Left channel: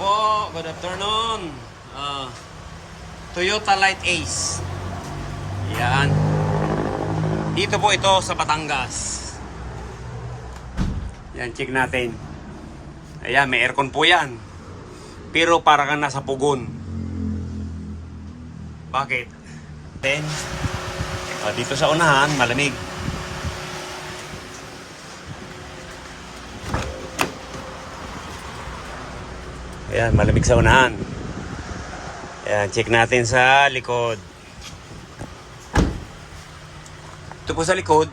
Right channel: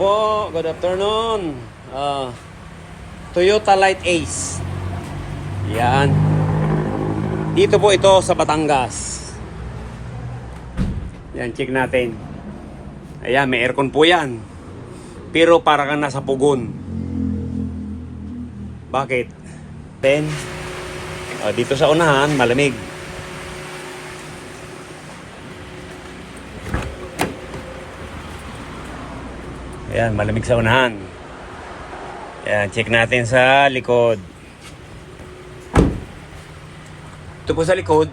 po, good afternoon. Toyota Light Ace. Yan. Dito po ito sa Batangas. Yan, check natin. Ayan, may aircon po yan. Pero para kang nasa pugon. Bakit? Then, dito sa unahan, malamig. Ayan, malamig sa unahan. Ayan, check natin sa likod. Ito po sa likod.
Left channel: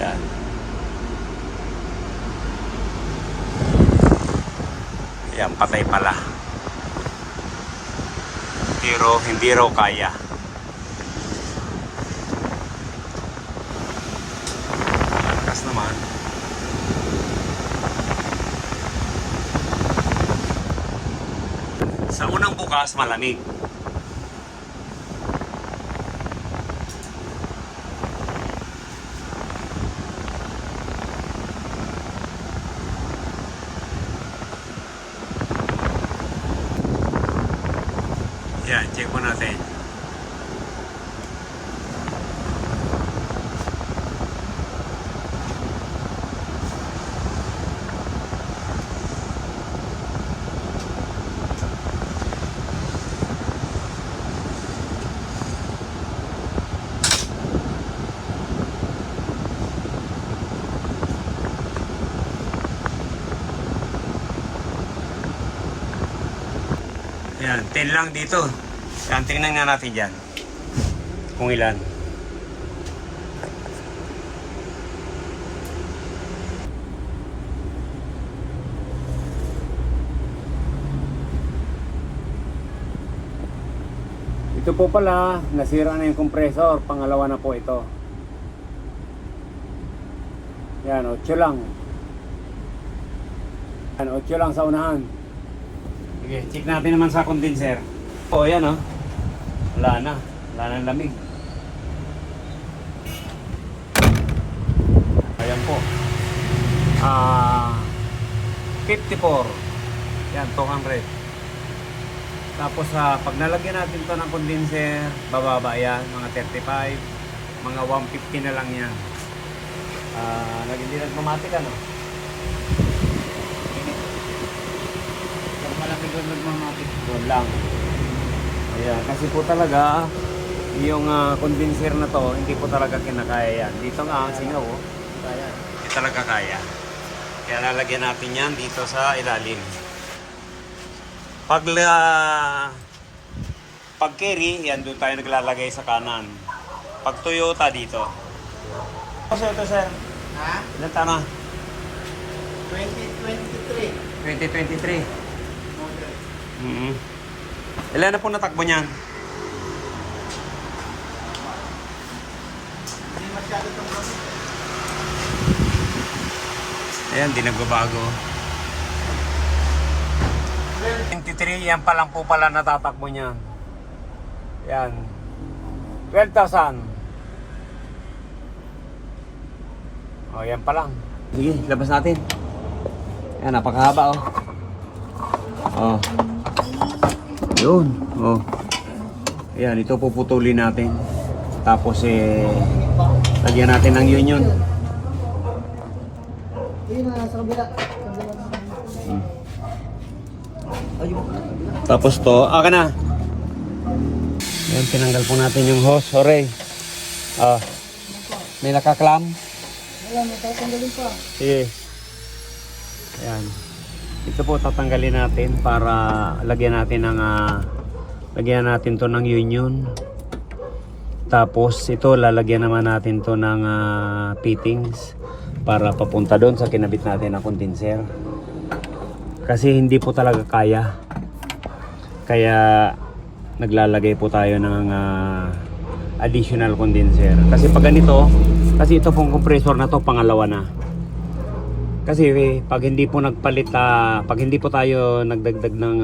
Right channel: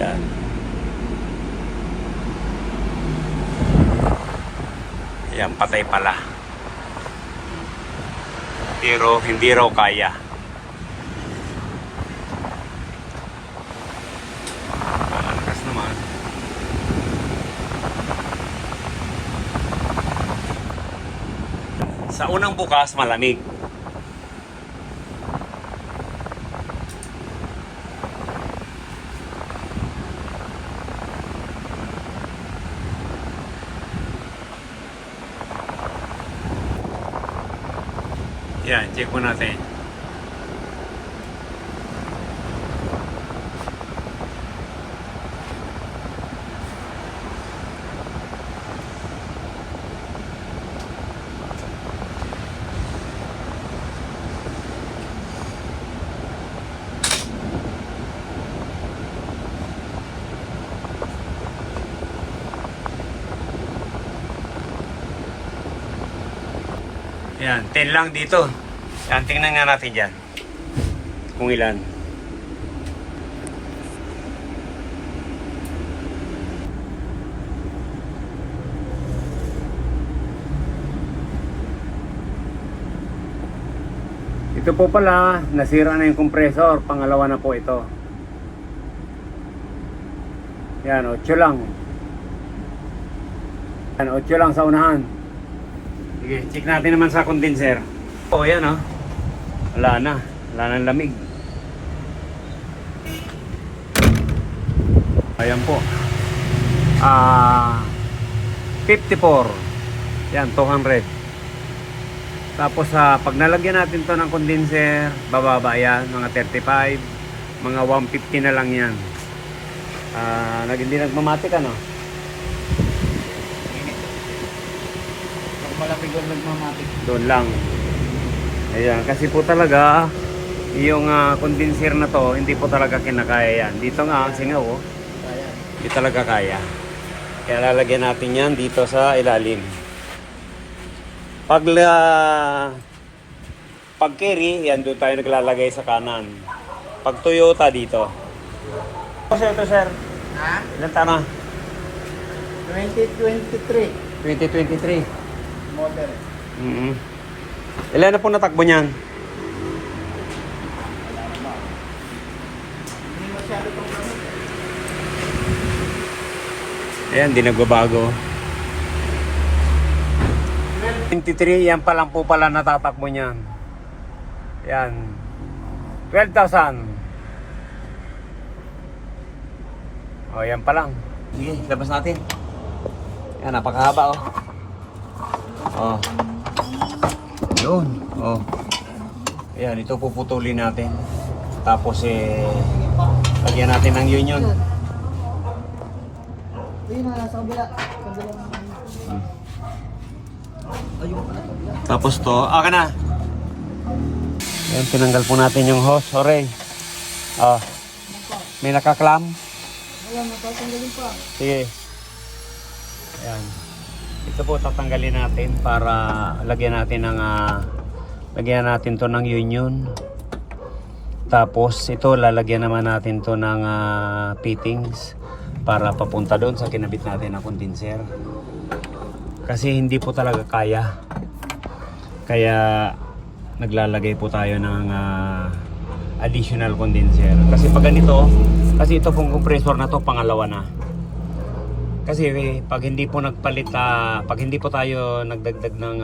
Ayan. Ayan, patay pala. Pero hindi raw kaya. Naman. Sa unang bukas, malamig. Yan, check po natin. Yan, 10 lang dito. Yan, tingnan nga natin dyan. Kung ilan. Ito po pala, nasira na yung compressor. Pangalawa na po ito. Yan, 8 lang. Yan, 8 lang sa unahan. Sige, check natin naman sa condenser. O, yan o. Wala na. Wala nang lamig. Ayan po. 54. Yan, 200. Tapos pag nalagyan natin to ng condenser, bababa yan. Mga 35. Mga 150 na lang yan. Hindi nagmamatik ano? Doon lang. Ayan, kasi po talaga yung condenser na to hindi po talaga kinakaya yan. Dito nga ang singaw, hindi talaga kaya. Kaya lalagyan natin yan dito sa ilalim. Pag carry, yan doon tayo naglalagay sa kanan. Pag Toyota dito. Sir, ito sir. Ha? Ilan taon na? 2023. 2023. Model. Ilan na po natakbo niyan? Ayan, di nagbabago. 23, yan pa lang po pala natatakbo niyan. Yan. 12,000. O, yan pa lang. Sige, labas natin. Yan, napakahaba oh. Oh. Yun. Oh. Yan, ito puputulin natin. Tapos lagyan natin ng union. Sa kabila. Tapos to, akin na. Yan, tinanggal po natin yung hose. Sorry. Oh. May nakaklam. Wala, matatanggalin pa. Sige. Ayan. Ito po tatanggalin natin para lagyan natin ng lagyan natin to ng union. Tapos ito lalagyan naman natin to ng fittings para papunta doon sa kinabit natin na condenser. Kasi hindi po talaga kaya. Kaya naglalagay po tayo ng additional condenser. Kasi pag ganito, kasi ito pong compressor na to pangalawa na. Kasi pag hindi po nagpalit, pag hindi po tayo nagdagdag ng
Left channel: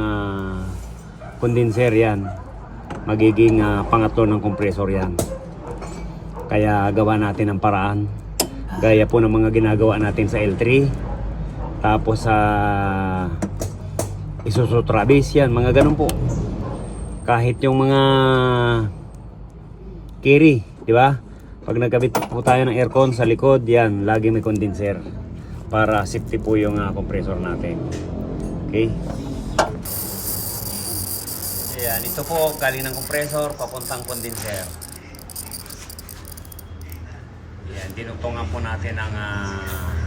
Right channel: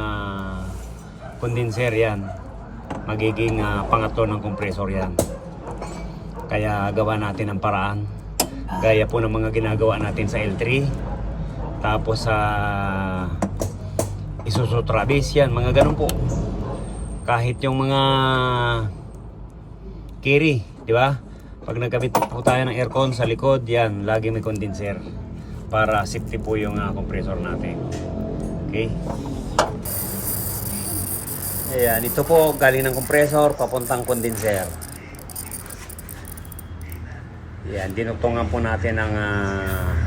condenser yan, magiging pangatlo ng compressor yan. Kaya gawa natin ng paraan. Gaya po ng mga ginagawa natin sa L3. Tapos sa Isuzu Travis yan, mga ganun po. Kahit yung mga carry, di ba? Pag nagkabit po tayo ng aircon sa likod, yan, lagi may condenser para safety po yung compressor natin. Okay? Ayan, ito po galing ng compressor papuntang condenser. Yan, dinugtungan po natin ang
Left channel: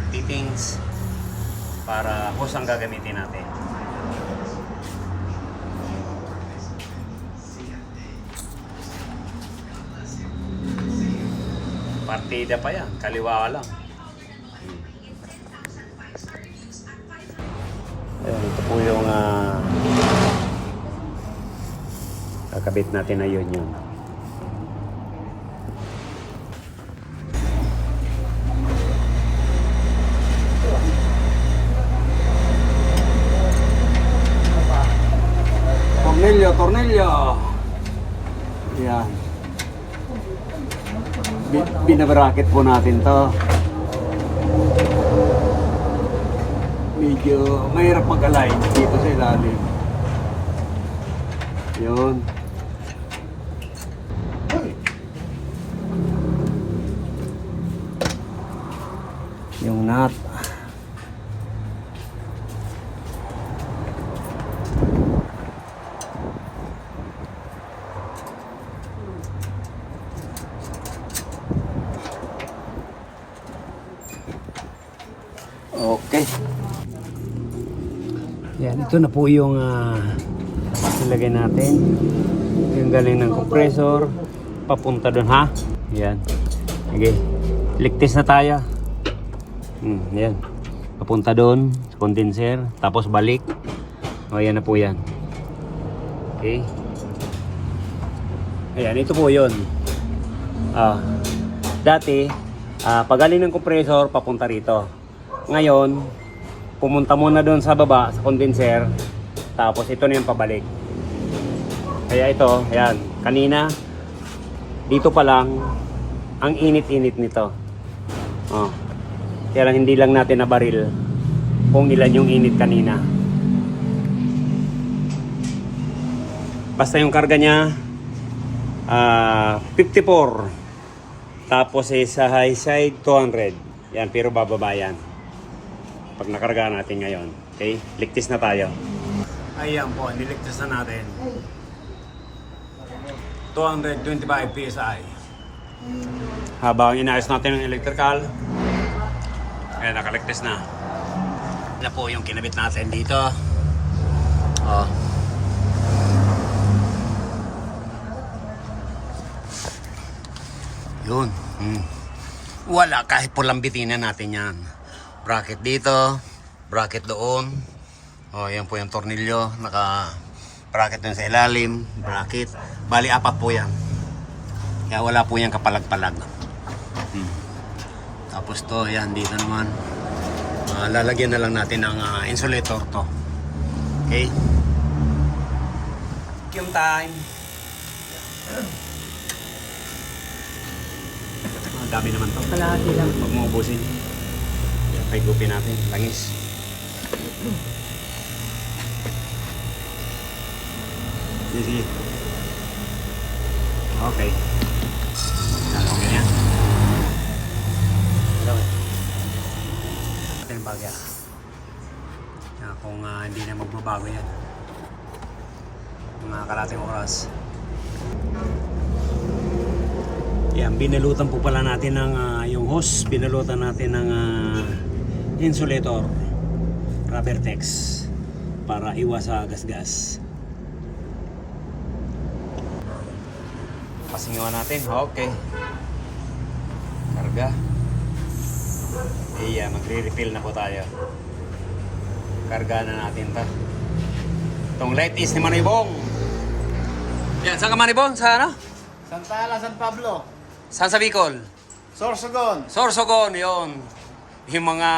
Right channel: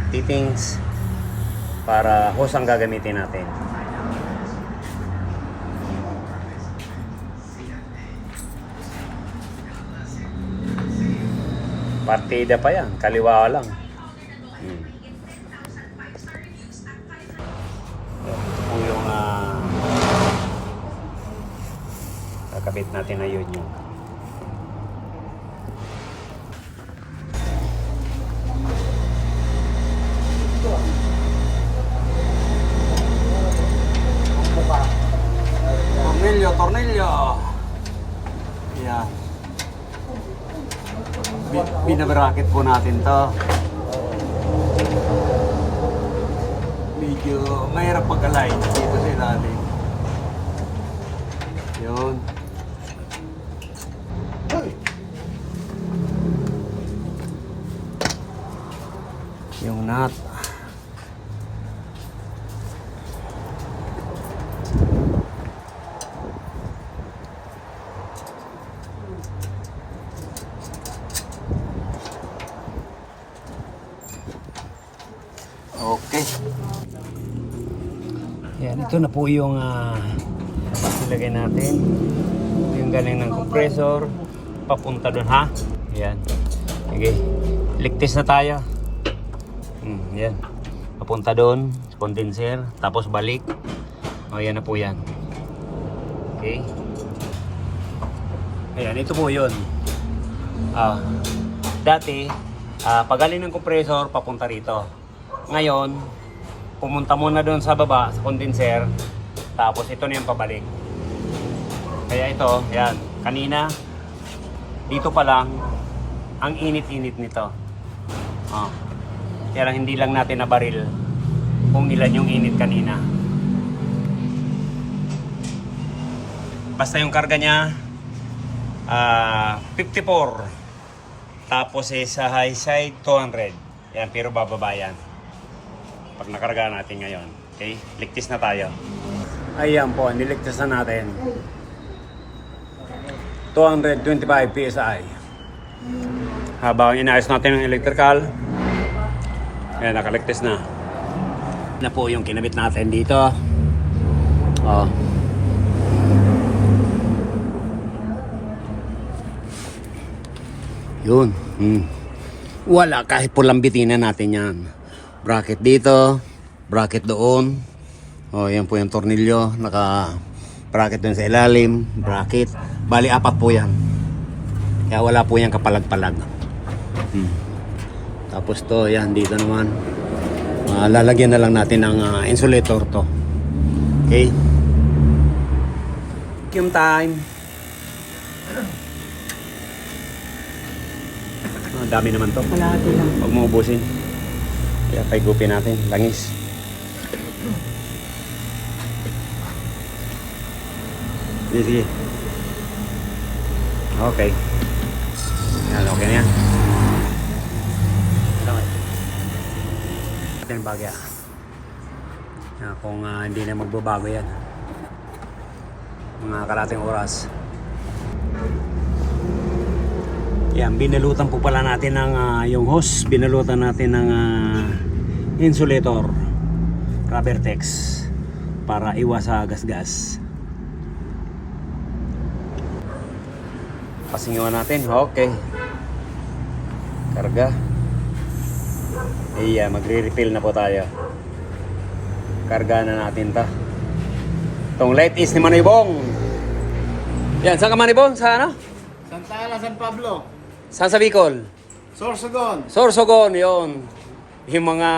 fittings para hose ang gagamitin natin. Partida pa yan, kaliwa lang. Ito po yung kakabit natin na yun. Tornilyo. Yan. Binabracket po natin to. Medyo mahirap mag-align dito sa ilalim. Yun. Yung nut. Okay. Yan, ito na po yung nilagay natin. Yung galing ng compressor papunta doon, ha? Yan. Okay. Ligtis na tayo. Yan. Papunta doon, condenser, tapos balik. O, yan na po yan. Okay. Ayan, ito po yun. Dati, pagaling ng compressor, papunta rito. Ngayon, pumunta muna doon sa baba, sa condenser. Tapos ito na yung pabalik. Kaya ito, yan. Kanina, dito pa lang, ang init-init nito. Kaya hindi lang natin nabaril kung ilan yung init kanina. Basta yung karga niya, 54. Tapos sa high side, 200. Yan, pero bababa yan. Pag nakarga natin ngayon. Okay? Ligtis na tayo. Ayan po, niligtas na natin. 225 PSI. Habang inayos natin ang electrical, ayan, nakaligtas na. Yan po yung kinabit natin dito. Yun. Wala, kahit pulambitin na natin yan. Bracket dito, bracket doon. Yan po yung tornilyo, naka bracket dun sa ilalim, bracket. Bali, 4 po yan. Kaya wala po yung kapalag-palag. Tapos to, yan, dito naman. Lalagyan na lang natin ng insulator to. Okay? Vacuum time. Dami naman to. Kalahati lang. Huwag mo ubusin. Kaya paigupin natin, langis. Sige. Okay. Yan, okay na yan. Ito yung bagya. Yan, kung hindi na magbabago yan. Mga kalating oras. Yan, binalutan po pala natin ng yung hose, binalutan natin ng insulator, rubber tex, para iwas sa gasgas. Pasingawan natin, okay. Karga. Iya, magre-refill na po tayo. Karga na natin ta. Itong light is ni Manibong. Yan, saan ka Manibong? Sa ano? Santa Ana, San Pablo. Saan sa Bicol? Sorsogon. Sorsogon, yun. Yung mga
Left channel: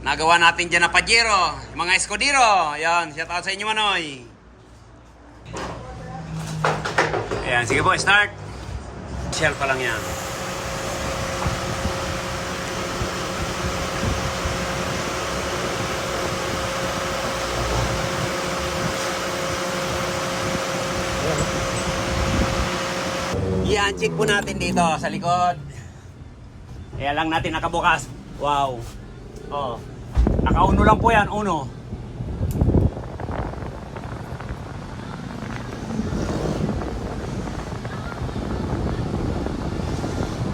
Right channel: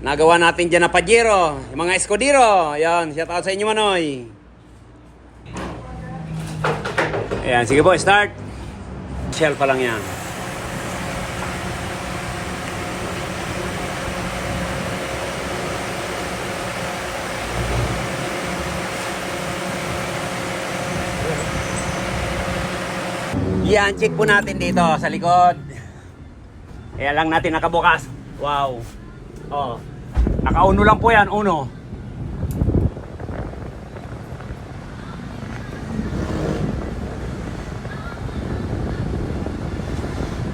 nagawa natin dyan na Pajero, yung mga Escudero. Yan, shout out sa inyo, Manoy. Ayan, sige po, start. Initial pa lang yan. Yan, check po natin dito sa likod. Kaya lang natin nakabukas. Wow. Oh. Naka-uno lang po yan, uno.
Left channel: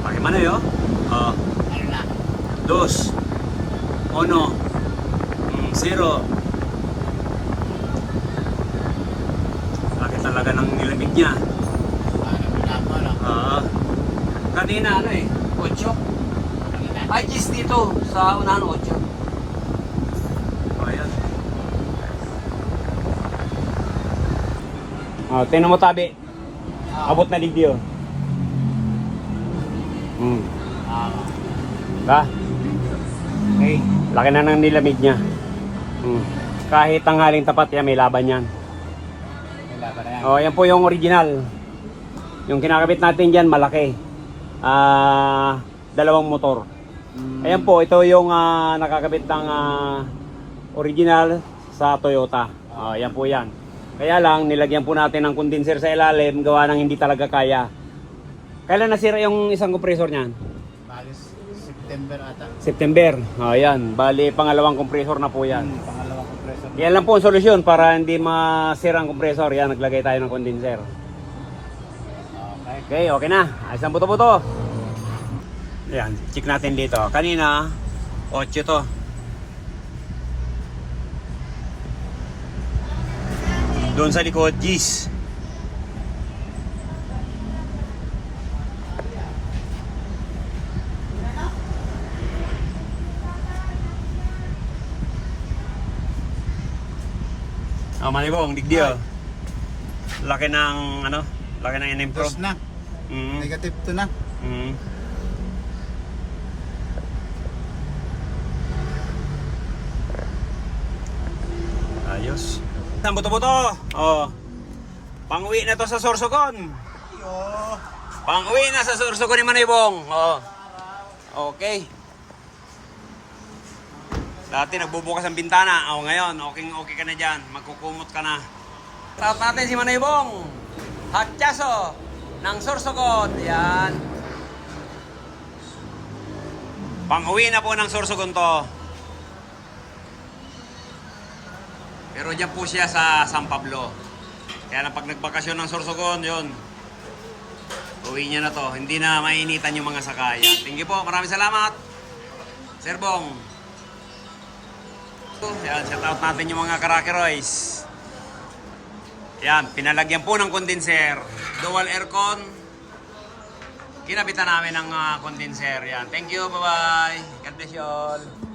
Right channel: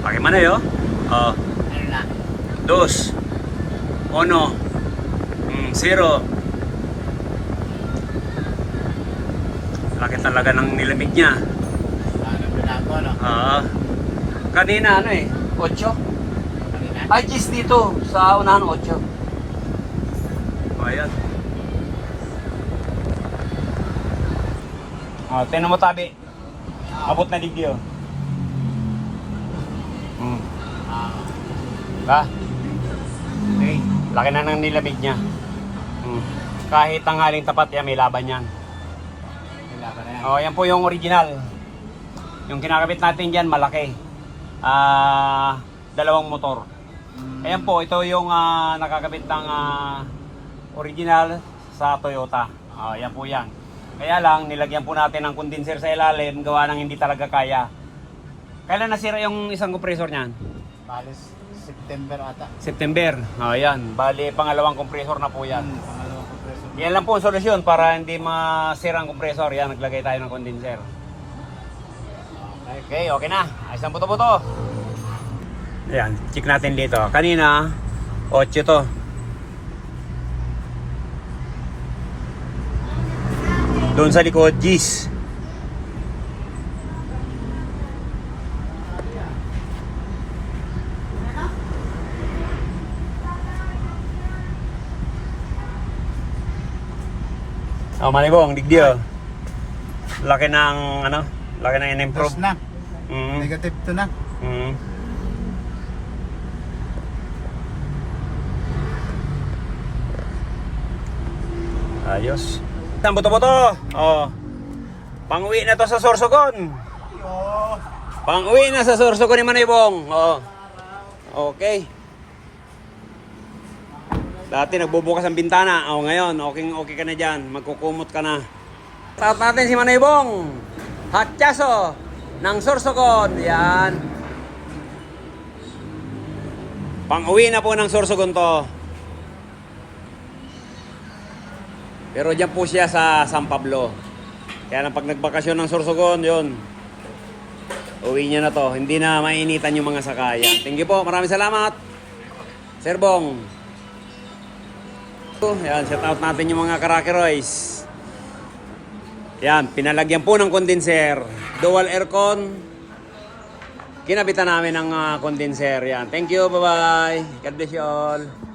Pakai mana yo? Oh. Dos. Uno. Zero. Laki talaga ng nilamig niya. Kanina ano eh, 8. Ay, gis dito sa unahan 8. Ayan. Oh, tingnan mo tabi. Abot na digdi yun. Ba? Okay. Laki na ng nilamig niya. Kahit tanghaling tapat yan, may laban yan. May laban na yan. Oh, yan po yung original. Yung kinakabit natin dyan, malaki. Dalawang motor. Ayan po, ito yung nakakabit ng original sa Toyota. Ayan po yan. Kaya lang, nilagyan po natin ng condenser sa ilalim, gawa ng hindi talaga kaya. Kailan nasira yung isang compressor niyan? Malis September ata. September. Ayan, bali pangalawang compressor na po yan. Pangalawang compressor. Yan lang po ang solusyon para hindi masira ang compressor. Yan, naglagay tayo ng condenser. Okay, okay na. Ayos ang buto-buto. Ayan, check natin dito. Kanina, 8 to. Doon sa likod, G's. Oh, Manibong, digdio. Laki ng, ano? Laki ng in-improve. Plus na. Mm. Negative 2 na. Mm. Ayos. Ang buto-buto. Oh. Pang-uwi na to sa Sorsogon. Pang-uwi na sa Sorsogon ni Manibong. Oh. Okay. Dati nagbubukas ang bintana. Oh, ngayon, okay ka na dyan. Magkukumot ka na. Shout natin si Manibong. Hatchaso ng Sorsogon. Yan. Pang-uwi na po ng Sorsogon to. Pero dyan po siya sa San Pablo. Kaya lang pag nagbakasyon ng Sorsogon, yun. Uwi niya na to. Hindi na mainitan yung mga sakayan. Thank you po. Maraming salamat. Sir Bong. Yan, shout out natin yung mga Karakeroys. Yan, pinalagyan po ng condenser. Dual aircon. Kinabitan namin ng condenser. Yan. Thank you. Bye-bye. God bless you all.